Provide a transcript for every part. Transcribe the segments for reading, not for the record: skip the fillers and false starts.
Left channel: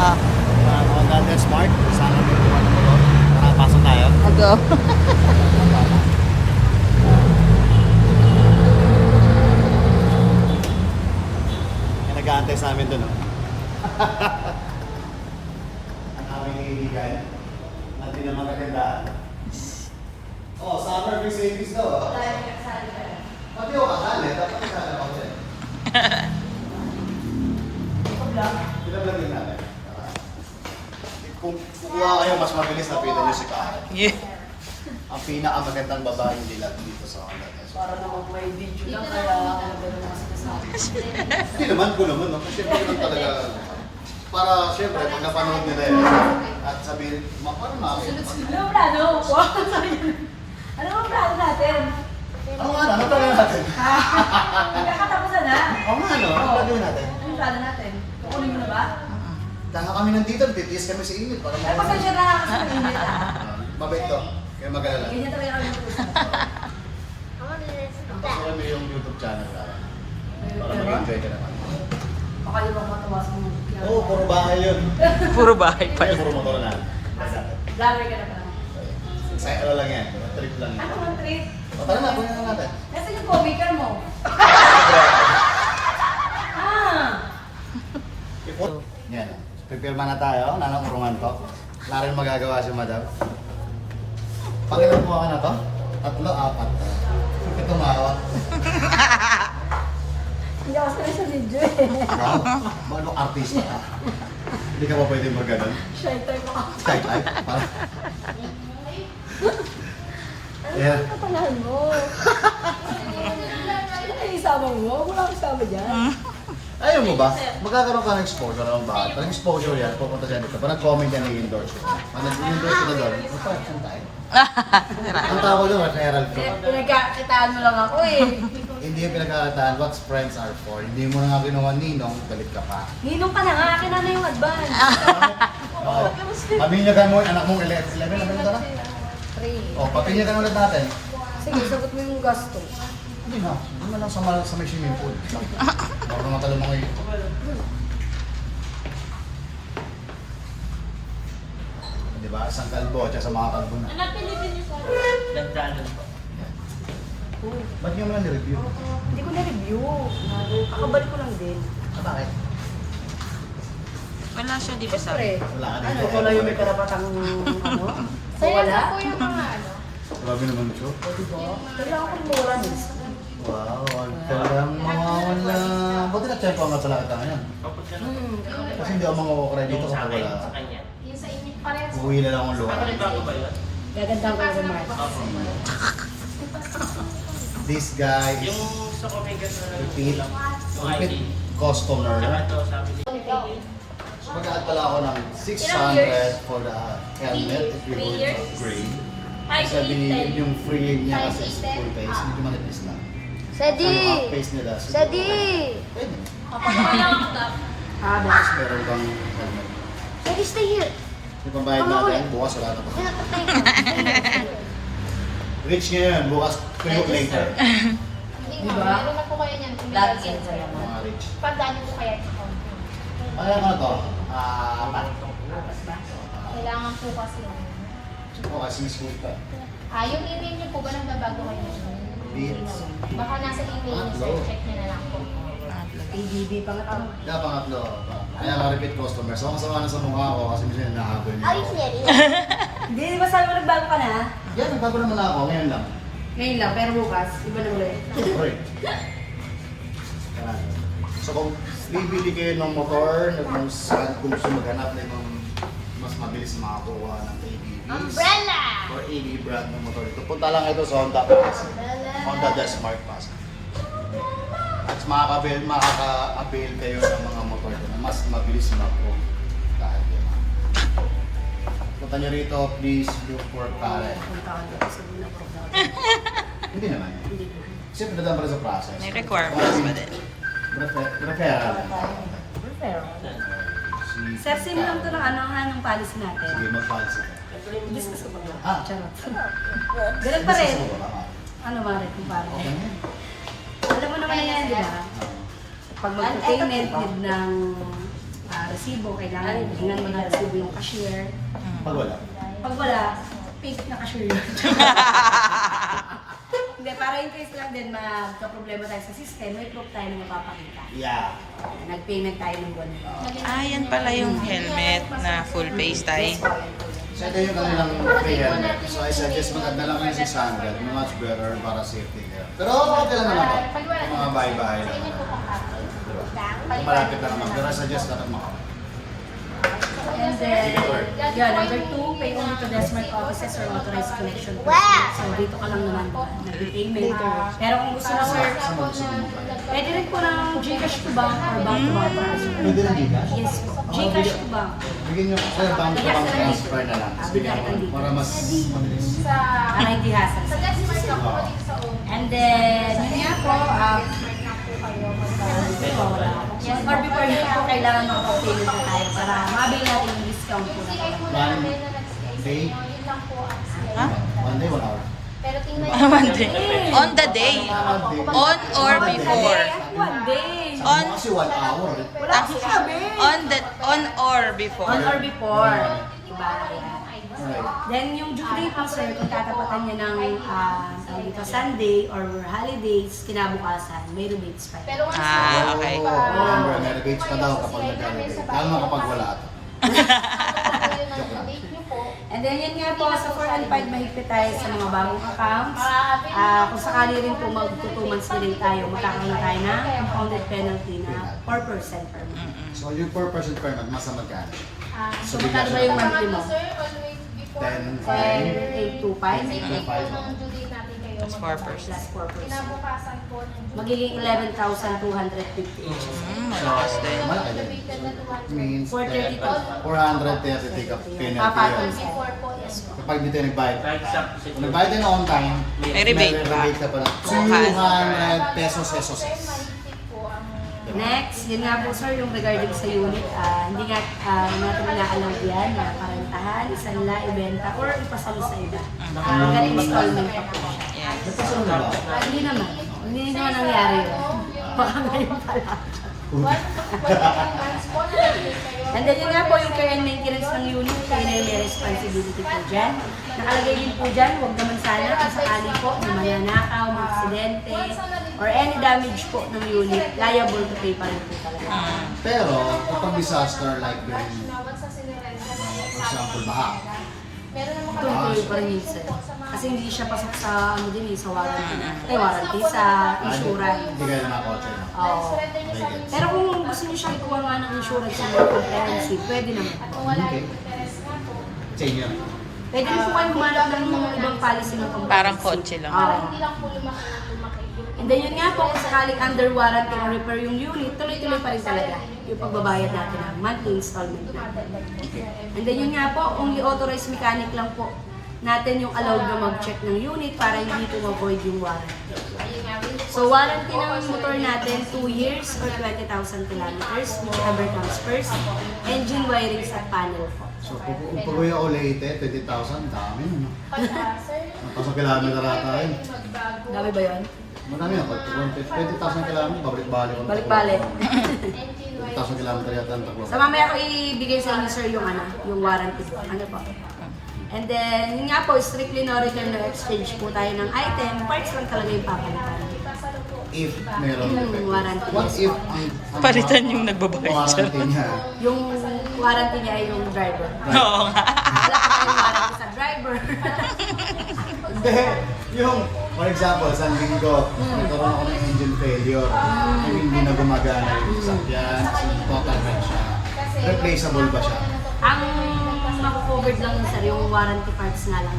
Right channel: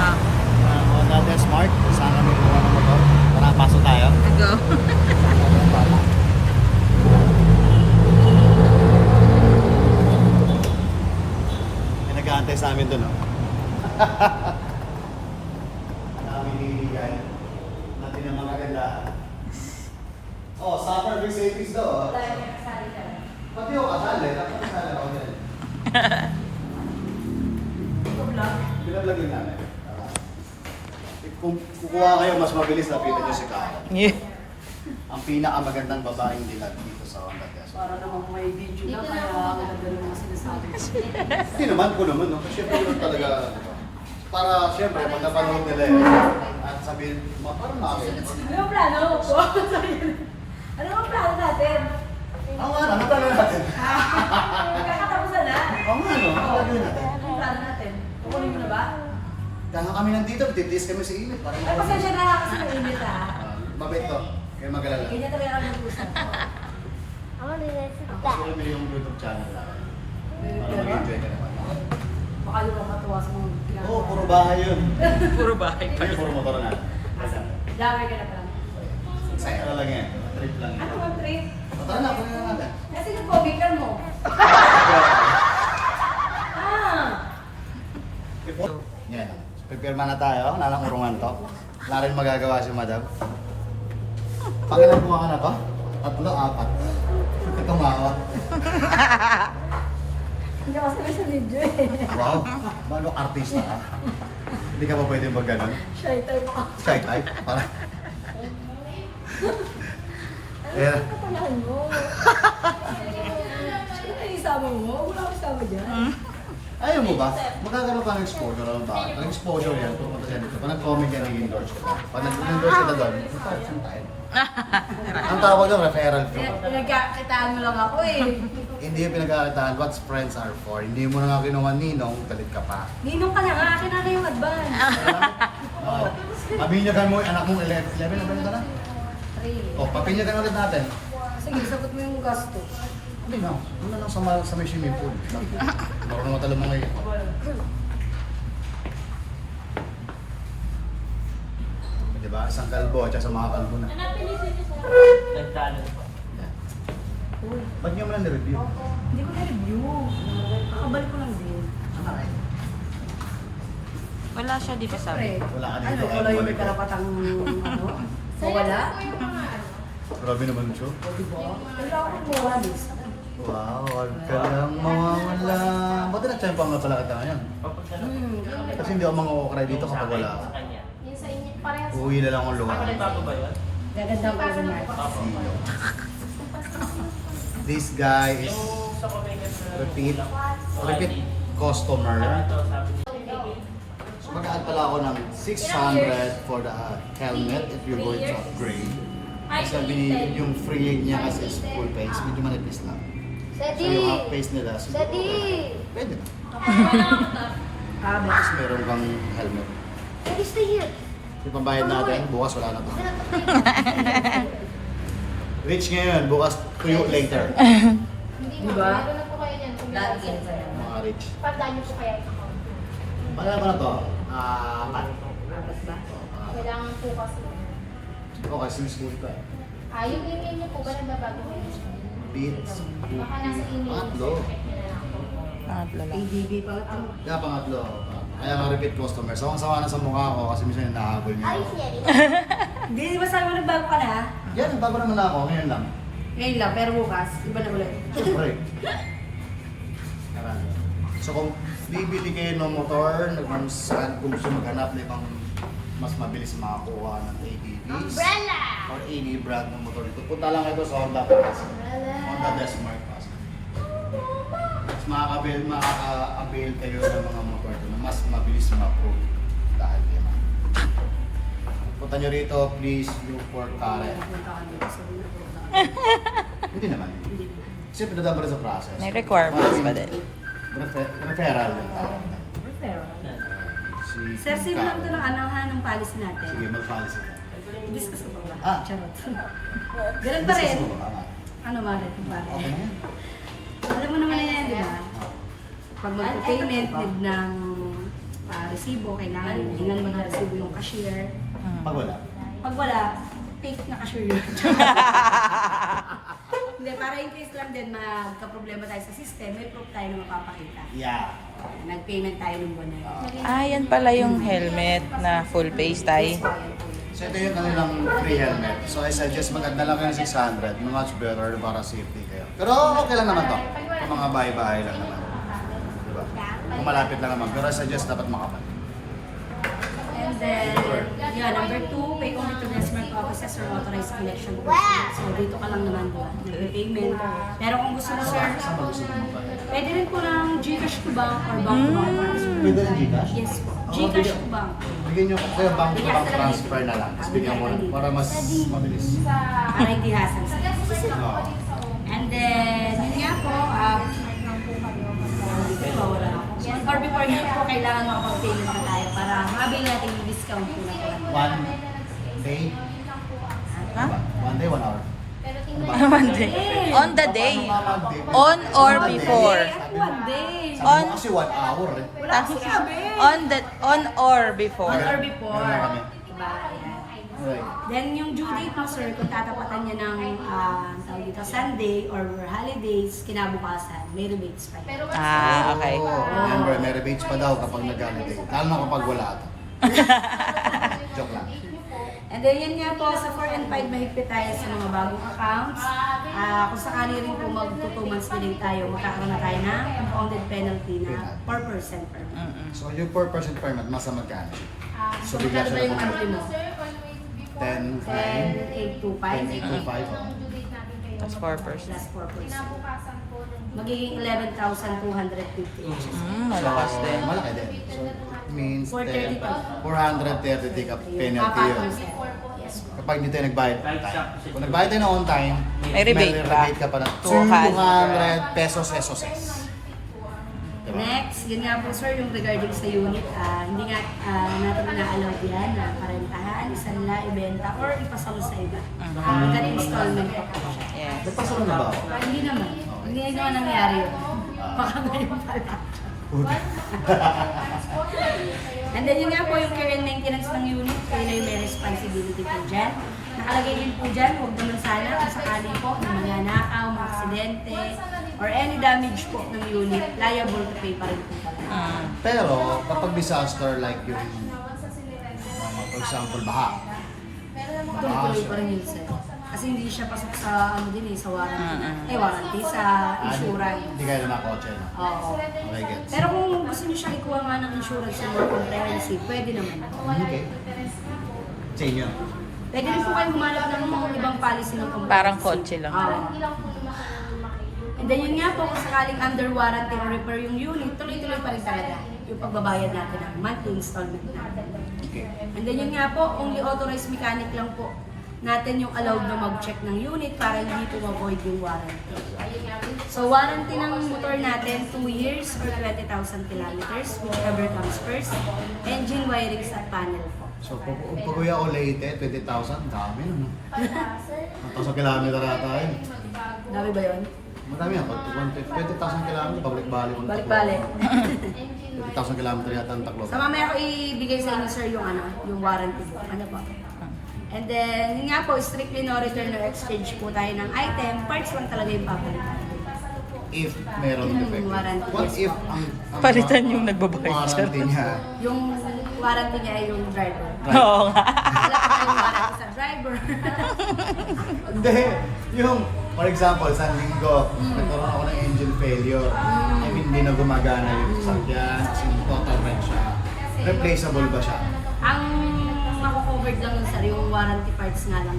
Ah. Honda Del Smart, saan kami buwan ng motor? Tara, pasok tayo. Go. May nag-aantay sa amin doon, no? Ang aming hihigay. Natin naman magandaan. Oh, summer free savings daw, oh. Pati ako kasali, dapat kasali ako yan. Binablogin namin. Kung kukuha kayo, mas mabilis na pita nyo si Kyle. Ang pinakamagandang babaeng dilag dito sa Honda Desert. Para naman may video lang, kaya ang ganda ng mga sinasabi. Hindi naman ko naman, no? Kasi syempre yun talaga, para syempre, pag napanood nila eh, at sabihin, parang nakakita. Ano ang plano? Ano ang plano natin? Ano nga, ano plano natin? Kakatapusan na. Oo nga, ano? Ano gagawin natin? Ano plano natin? Kukunin mo na ba? Kaya nga kami nandito, titiis kami sa init para Ay, makuha. pasensya na lang kasi mainit ah. Mabait to, kaya mag-alala. Ganyan talaga kami ng puso. Tapos kami yung YouTube channel natin. Para mag-enjoy ka naman. Baka yung mga matawa sa mga ginagawa. Oo, puro bahay yun. Puro bahay pa. Kaya puro motor na. Vlogger ka na pala. Say, ano lang yan, trip lang yan. Ano ang trip? Tara na, kunin na natin. Nasaan yung Kobe car mo? Ah! Yan. Pipirma na tayo, nanang urungan to. Wala rin magagawa si madam. Pangilan mo ka na to? 3, 4. Tumawa. Hindi ako sanay sa video eh. Wow, malo artista ka. Hindi ka pa pwede mag-ganon. Shy type ako. Shy type. Parang... Yeah. Ano ang katangahan mo? Sino kayo isama mo? Wala akong isama dyan. Ayaw mo ba? Magkakaroon ka ng exposure ng bahay. Pag exposure yan, pupunta siya dito. Pag nag-comment yan, i-endorse ko na. Pag nag-endorse ka na doon, magpapasyon tayo. Ang tawag doon, referral fee. Pinagkakitaan mo lang ako eh. Hindi yung pinagkakataan, what friends are for. Hindi mo na nga kinuha ninong, galit ka pa. Ninong ka na nga, akin na yung advance. Oo. Pabinyagan mo yung anak mong 11 na ba ito na? 3. O, papinyagan ulit natin. Sige, sagot mo yung gasto. Hindi na. Hindi na lang sa may swimming pool. Marunong na talo mga yun. Diba? Isang kalbo at sa mga kalbo na. Nagtalo. Ba't nyo mo lang ni-review? Hindi ko na-review. Kakabalik ko lang din. Bakit? Wala siya, di ba Pre, sabi? Wala ka ano, dito. wala yung may karapatang ano? So wala? Grabe naman siya. O diba? Kailangan ko wala minsan. Wow, wag ka lang mawawala. Buti na tiyempo nga pala kita ngayon. Kasi hindi ako mga dito kapag wala ako. Yung sa inyo parehas. Uwi na lang akong luha. Gagandang ko rin This guy is repeat customer. So mag-add pala ako ng 600 for the helmet if you're going to upgrade. Kasi binili yung free niya kasi is full face, medyo manipis lang. So yung half face nila, siguro okay. Pwede. Tapos meron kang helmet. Sadi, stay here. So pambayad natin, bukas wala na po. Rich ngayon, bukas tuyo later. Hindi Diba? ba? Meron na po kayo dyan. Lagi yan sa'yo. Mga rich. Pagdaan niyo po kaya. Pangalan ko na to? Pat. Apat ba? Kailangan po kasi. Oo, kasi school ka. Yung email niyo po ba nagbabago kayo? Beats. Baka nasa email Pangatlo. niyo. Check niyo na lang po. Pangatlo lang. ABB pang ano? Kaya pangatlo. Kaya nga repeat customer. So kung sama na sa mukha ko kasi minsan nahabol niya ako. Hindi, di ba sabi mo nagbago ka na? Yan, nagbago naman na ako. Ngayon lang. Ngayon lang, pero bukas, iba na ulit. Siyempre. Karami. So kung bibili kayo ng motor, kung gusto maghanap na ibang mas mabilis makakuha ng ABVs Umbrella! or any brand ng motor dito, punta lang ito sa Honda Pass. Honda The Smart Pass. At makaka-avail kayo ng mga motor doon na mas mabilis ma-approve dahil yun. Punta nyo rito, please look for Karen. Punta ka dito sa Bula Pro. Hindi naman. Kasi pinadaan pa rin sa process. May requirements pa din. Referral. Referral. Si Sir, sino lang ito ng anahan ng policy natin? Sige, mag-policy ka. Discuss ko pa ba? Ah. Charot. Ganun pa rin. Discuss mo ba, mama? Ano, Mare, kung pare? Okay. Alam mo naman na yan, di ba? Ah. pag mag-payment, need ng resibo, kailangan hihingan mo ng resibo yung cashier. Pag wala. Pag wala, fake na cashier yun. Hindi, para in case lang din magka-problema tayo sa system, may proof tayo na mapapakita. Yeah. Nag-payment tayo ng buwan na yun. Ah, yan pala yung helmet na full face tie. So ito yung kanilang free helmet. So I suggest maganda lang kayo ng 600, much better para safety kayo. Pero okay lang naman to. Kung mga bahay-bahay lang naman. Diba? Kung malapit lang naman. Pero I suggest dapat makapal. And then, yun, number 2, pay only to Desmart offices or authorized collection person. So, dito ka lang naman nag-payment. Pero kung gusto mo, sir, Saan ba gusto mo ba? pwede rin po ng Gcash to bank or bank to bank transfer. Pwede rin Gcash? Yes po. Gcash to bank. Bigyan nyo ko bank to bank transfer na lang. Tapos bigyan mo para mas mabilis. Para hindi hassle. Oo. And then, yun nga po, or before yun po, kailangan makapag-payment na tayo para makabili natin yung discount po na po. One day? Ha? 1 day, 1 hour. One day. On the day. On or before. One day. Sabi mo kasi 1 hour. Wala kasi sabi. On or before. On or before. Diba? Alright. Then yung due date po, sir, kung tatapatan niya ng tawag dito, Sunday or holidays, kinabukasan, may rebates pa. Pero once Ah, okay. Oh, remember, may rebates pa daw kapag nag-holiday. Lalo na kapag wala ito. Joke lang. And then yun nga po, sa 4 and 5 mahigpit tayo sa mga bagong accounts. Kung sakali rin po mag-2 months delay tayo, magkakaroon na tayo na compounded penalty na 4% per month. So yung 4% per month, masa magkano? So bigla Ano ba siya yung na monthly mo? 10, 5, 10, 825 825. That's 4%. plus 4%. Magiging 11,250 each. Malakas din. Malaki din. So it means 430 430 ka penalty Apat yun. percent. Yes po. Kapag hindi tayo nagbayad. Kung nagbayad tayo na on time, May rebate may ba? rebate ka pa na 200 pesos. Diba? Next, yun nga po sir, yung regarding sa unit, hindi nga natin inaallow yan na parentahan, isanla, ibenta, or ipasali sa iba. Hanggang installment pa po siya. Yes. Nagpasalo na ba? Hindi naman. Hindi naman nangyari yun. Baka ngayon pala. And then yun nga po, yung care and maintenance ng unit, kayo na yung may responsibility po dyan. Nakalagay din po dyan, huwag naman sana kung sakali po na mananakaw, mga aksidente, or any damage po ng unit, liable to pay pa rin po talaga. Pero kapag disaster like yung for example baha. Tuloy pa rin yun sir. Kasi hindi siya pasok sa ano din sa warranty. Warranty sa insurance. Hindi kayo na kotse na. Oo. Okay, gets. Pero kung gusto niyo siya ikuha nga ng insurance sa mga comprehensive, pwede naman. Okay. Sa inyo. Pwede rin po kayo humanap ng mga ibang policy ng comprehensive. Parang kotse lang. Oo. And then yun nga po, kung sakaling under warranty na repair yung unit, tuloy-tuloy pa rin talaga yung pagbabayad natin ng monthly installment natin. Okay. And then yun nga po, only authorized mechanic lang po natin yung allowed na mag-check ng unit para hindi po ma-void yung warranty. So warranty ng motor natin, 2 years or 20,000 kilometers, whichever comes first. Engine wirings at panel po. So kung Kuya o Leyte, 20,000, dami nun. 1,000 kilometer ata yun. Dami ba yun? Madami yan. 20,000 kilometer, balik-balik. Balik-balik. 20,000 kilometer yata ang taklo. So mamaya ko ibigay sa inyo sir yung warranty po. Ano po? And then, yun nga po, strictly no return no exchange po tayo ng item. Parts lang talaga yung papalitan. If mayroong defect. warranty, What yes. if ang Palitan yung nagbabayad siya. warranty niya? Yung warranty niya ay yung driver. Right. Oo nga. Wala tayong warranty sa driver. Hindi. Yung, for example, sa linggo, nagkaroon ako ng engine failure. Yung hindi na gumagana yung sasakyan, kasi total wreck siya. Replaceable ba siya? Ang mako-covered lang yun sir, yung warranty parts nga lang.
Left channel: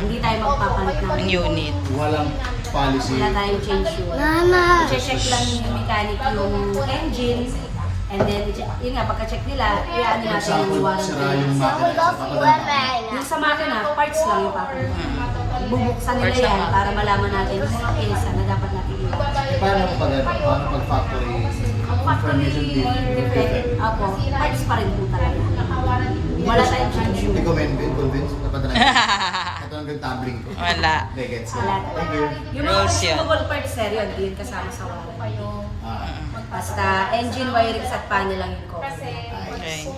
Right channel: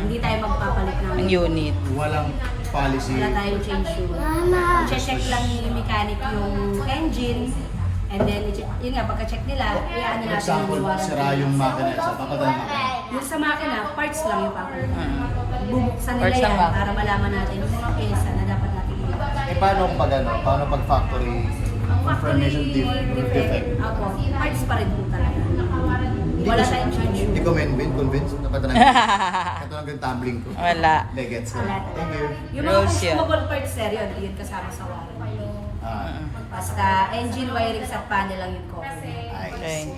Hindi tayo magpapalit ng Ang unit. Walang policy. wala tayong change yun. I-check lang yung mechanic yung engine. And then, yun nga, pagka-check nila, iaan For natin example, yung warranty. sira yung makina isa, papadala na ako. Yung sa makina, parts lang yung papalitan. Bubuksan nila Parts lang yan ba? para malaman natin yung mga pyesa na dapat natin ilagay. Eh, paano pag ano? Paano pag factory information defect? Apo, parts pa rin po talaga. Wala tayong change Hindi yun. ko convince na padala. Ito lang yung tumbling ko. Wala. Hindi, gets ko. Wala. Thank you. Yung mga Rules yun. consumable parts sir, yun kasama sa warranty. Basta engine wirings at panel lang yung cover. Okay.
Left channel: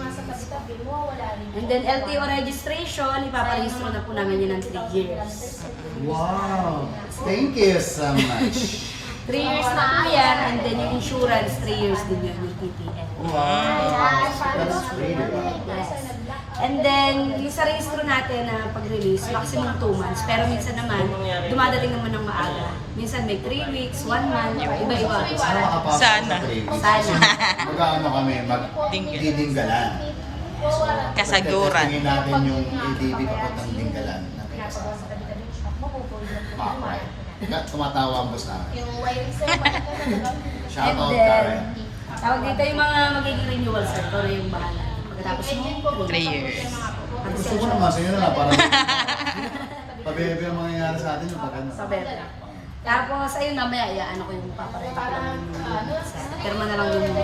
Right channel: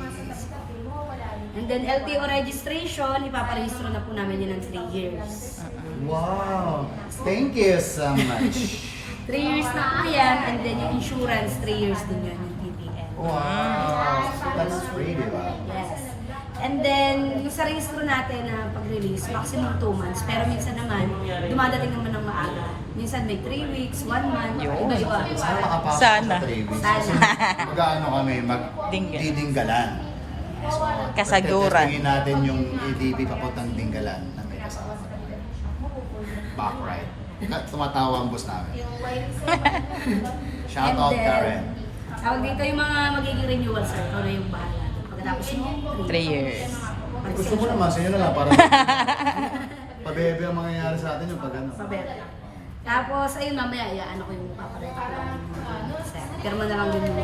And then LTO registration, ipaparehistro na po namin yun ng 3 years. Wow! Thank you so much. 3 years na po yan, and then yung insurance, 3 years din yun yung TPN. Wow! That's free, di ba? Yes. And then, yung sa registro natin na pag-release, maximum 2 months. Pero minsan naman, dumadating naman ng maaga. Minsan may 3 weeks, 1 month, Yun. iba-iba. Sana makapasok Sana. sa playlist. Sana. Mag-ano kami, Dinggal. magdidinggalan. So, Kasaguran. Tingin natin yung ADB papuntang Dinggalan. Back right. Tumatawa ang boss namin. Yung wiring sir, Shout And out then, Karen. tawag dito yung mga magiging renewal, sir. Ito na yung bahala. Pagkatapos mo, 3 years. Gusto mo naman, sa'yo na lang para pabebe ang mangyayari sa atin yung pag-ano. Sabi. Tapos, ayun mamaya, ano ko yung papareta ko lang yung sir. Pirma na lang din yung